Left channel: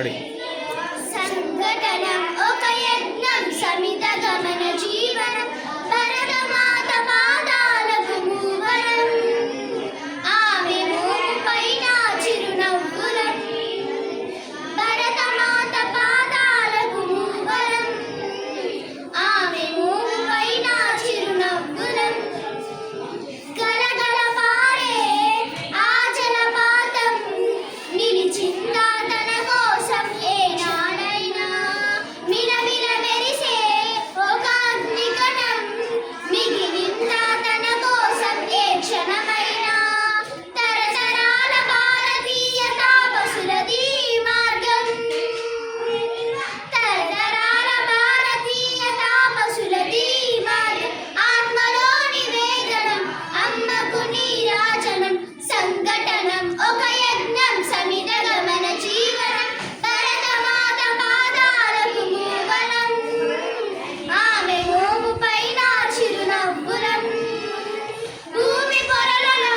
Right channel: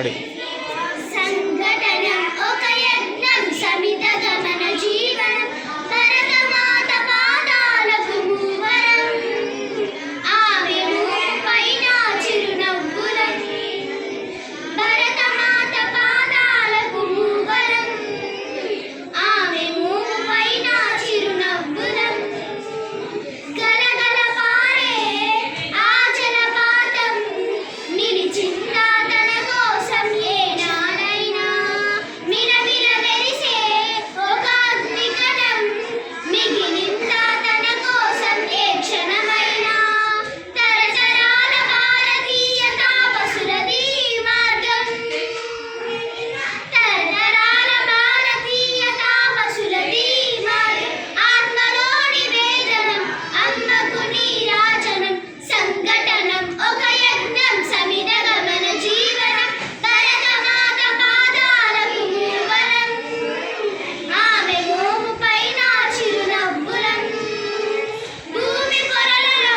కడి సంఘటనం ఒక యజ్ఞం సమిత గమన జీవనం భరతమాత పాదాలకు మూవరం ఆమె మూపైన చిరునవ్వులం భరతమాత పాదాలకు మూవరం ఆమె మూపైన చిరునవ్వులం గలగల పారే ఆ జలపాతం నిలిచిందా తన కోసం ఏనాడైనా మిలమిల మెరిసే ఒక అగ్నికణం మిగిలిందా తన కోసం ఏ క్షణమైనా తరతరాల భారతీయ తాపసులది మార్గం తరతరాల భారతీయ తాపసులది మార్గం ఆత్మలోని వేదనం అమ్మకు నీరాజనం సంఘటనం ఒక యజ్ఞం సమిత గమన జీవనం భరతమాత పాదాలకు మూవనం ఆమె మోముపైన చిరునవ్వులం భూమి పొరలలో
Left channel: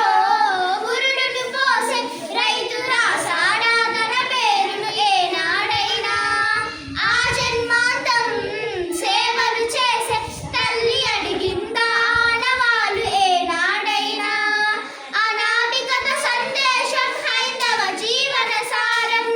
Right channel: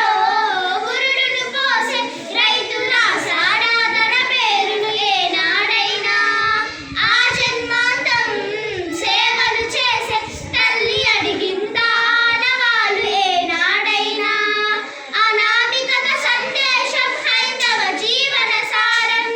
బురుడును పోసే రైతుల సాడా తన పేరును ఏనాడైనా ఆ జన్మాంతం సేవలు చేసే తల్లి అడిగిందా ఆనవాళ్ళు ఏనాడైనా అనామికత సందేశం హైందవ జీవన సారం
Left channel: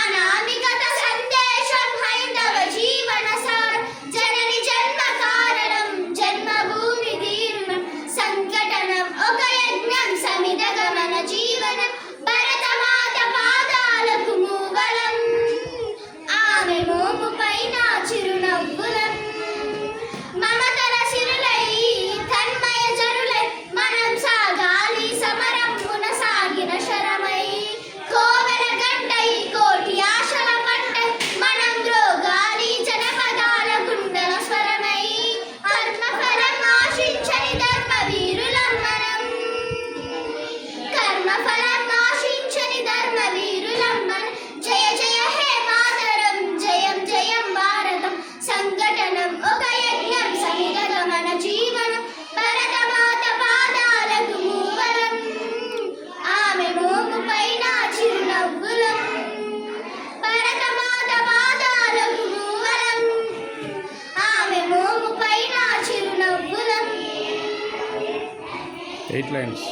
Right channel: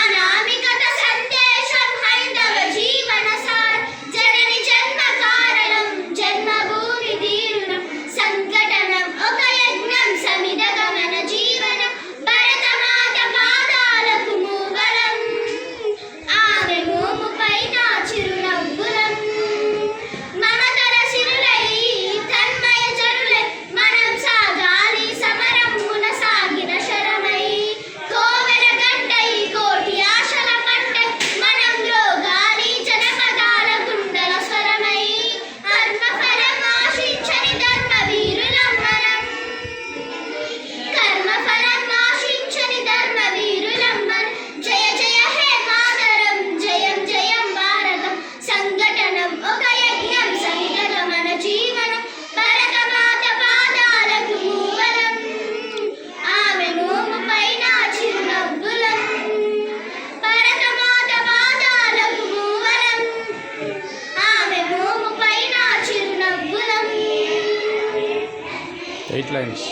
అనామికత సందేశం హైందవ జీవన సారం జనని జన్మ కారణం జన్మభూమి తీరుణం సంఘటనం ఒక యజ్ఞం సమిత గమన జీవనం భరతమాత పాదాలకు మూవలం ఆమె మోముపైన చిరునవ్వులం మమతల సిరులై తన్మయ జరులై మనం సాగాలి సమరమున సాగిన శరమై కోవెల గంటై కోటి ఆశల పంటై మనం రోగాలి జనపదాల గుండెల స్వరమై కర్మఫలం ఆశించని ధర్మవీరులం మనం కర్మఫలం ఆశించని ధర్మవీరులం మనం జయ జయ హే మాతరం జయం జయం భారతం సంఘటనం ఒక యజ్ఞం సమిత గమన జీవనం భరతమాత పాదాలకు మూవలం ఆమె మోముపైన చిరునవ్వులం భరతమాత పాదాలకు మూవలం ఆమె మోముపైన చిరునవ్వులం 8 లైన్స్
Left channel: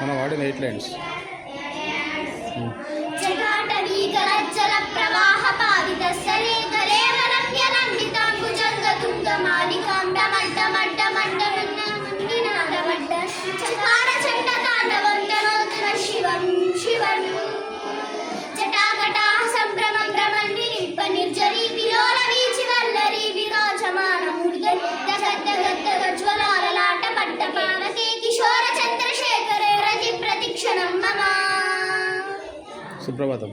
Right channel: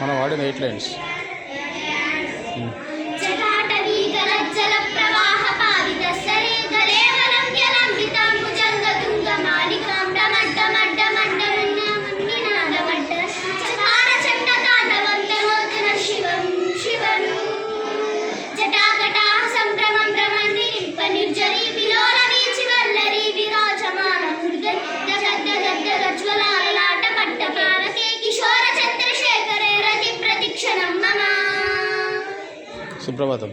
మనం వాడిన 8 లైన్స్ జటాటవీ గలజ్జల ప్రవాహ పావిత సరే గలేవలం యలంబితాం భుజంగతుంగ మాలికాం డమడ్డ మడ్డ మడ్డ నినాదమడ్డ చకార చండ తాండవం తనోతన శివం శివం జటాకటా సంభ్రమం భ్రమం వినింప నిర్జరీ విలోల వీచి వల్లరి విరాజమాన ముర్గన్ గద్ద గద్ద గజ్వలాలలాట పట్ట పాలకే కిశోర చంద్రశేఖరే రతి ప్రతిక్షణం మమ సుప్రభాతం.